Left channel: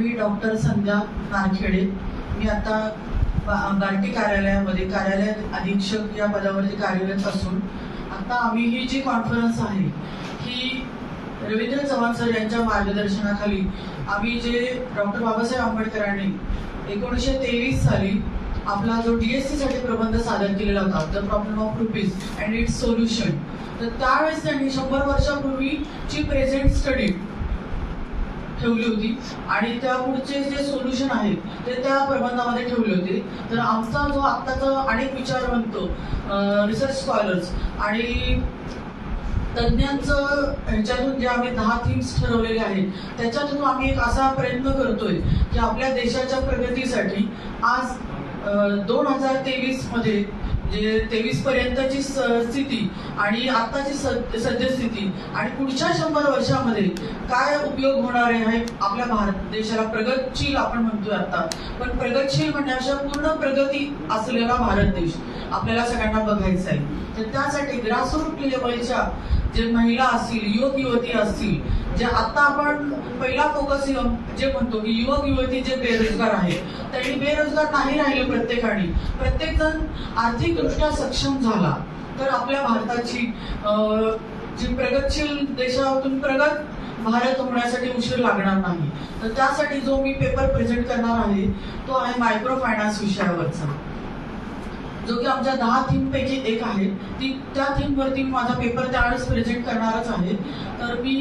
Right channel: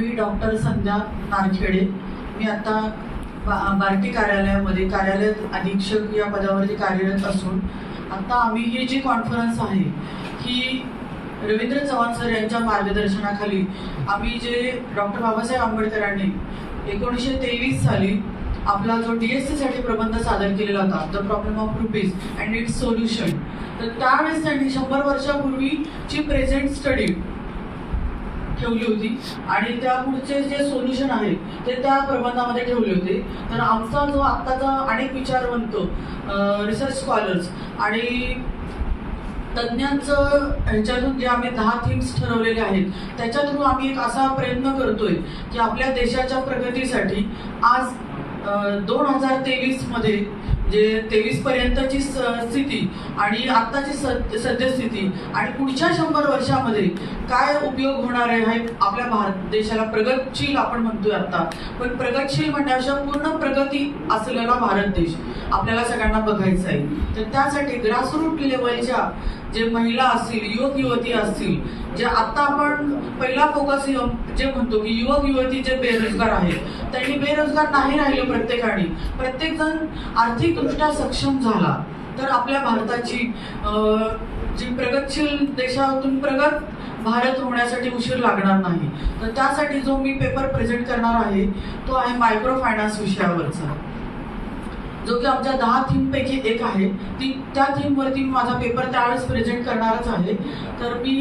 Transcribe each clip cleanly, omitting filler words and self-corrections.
मी doctor संध्या नारखेडे. मी आता बार्टी कार्यालयामध्ये कार्यालयात अधीक्षक या पदावरती कार्यरत असून आता आम्ही ही जी कॉन्फरन्स आहे ही रवींद्र चव्हाण सर यांच्या मार्गदर्शनाखाली आम्ही जे डॉक्टर बाबासाहेब आंबेडकरांनी 1923 साली आपला जो DSC साठी प्रबंध सादर केलेला होता, the problem of rupees and it's solution, तर त्यावेळेस त्यांनी 100 वर्षापूर्वीची प्रेझेंट स्टडी ठेवली होती आणि त्या पुढचे जे सोल्युशन आहे ते त्या प्रबंधामध्ये ठेवले होते. तर आमचा जो आत्ताचा अनेक विचारवंत रिसर्च स्कॉलर्स आणि तज्ज्ञांचं ह्याच्यातून जे आम्ही 10 थीम्स ठरवलेले आहेत त्याच्या थ्रू आम्ही एक असा प्रयत्न करतोय की आपल्या देशाच्या प्रगतीसाठी आज 2023 मध्ये जे 23 पर्यंतची स्थिती आणि आत्ताची सद्यस्थिती आणि पुढच्या 100 वर्षामध्ये काय उपयोग होणार आहे आपल्या भारत देशाला प्रगतशील आपण म्हणतोय आता, पण प्रगतशील म्हणण्यापेक्षा पूर्ण प्रगती असलेला भारत देश आपल्याला सगळ्यांना बघायचा आहे. तर त्यासाठी ग्रासरूट लेवलच्या जे महिला असतील, युवक युवती असतील, जे आता आपण पहिला फोकस जे म्हणतो की युवक युवती जे बेरोजगार आहेत त्यांनी बेरोजगार नाही राहिले प्रत्येक जण आर्थिकदृष्ट्या सक्षम झाला तर आपल्या भारताची जी प्रगतशील देशातून प्रगत भारत होण्यासाठी उशीर लागणार नाही. तर त्यासाठी जो मी पेपर प्रेझेंट करणार आहे तो आहे मायक्रो फायनान्स विषयावरचा, जो की आमच्या 10 थीम पैकी एक आहे. त्या थीमवरती मी माझा पेपर त्यावेळेस प्रेझेंट करणारच आहे. तर मी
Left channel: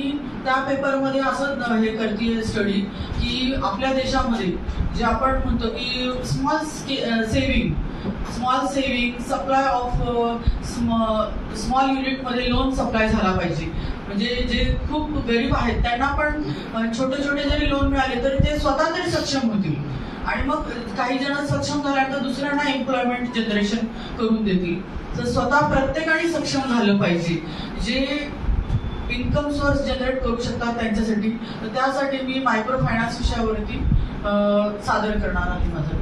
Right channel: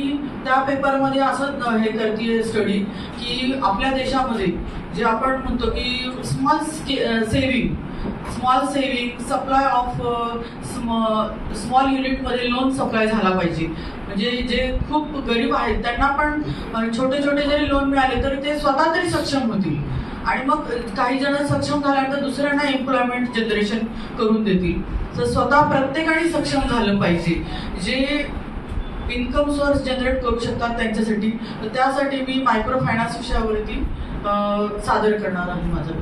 त्या पेपरमध्ये असं हे करते स्टडी की आपल्या देशामध्ये जे आपण म्हणतो की small saving supply of small युनिटमध्ये लोन सप्लाय झाला पाहिजे. म्हणजे जे खूप गरीब आहेत त्यांना पण छोटे छोटे जरी लोन मिळाले तरी ते स्वतः तरी सक्षम होतील आणि मग काही जण सक्षम झाल्यानंतर दुसऱ्यांना एम्प्लॉयमेंट जनरेशन करून देतील. तर स्वतः प्रत्येकाने सक्षम झालं पाहिजे जे इन्कम सोर्स जनरेट करू शकतात त्यांच्यासाठी. तर त्यासाठी मी मायक्रो फायनान्स विषयावरती सादर करणार आहे माझं.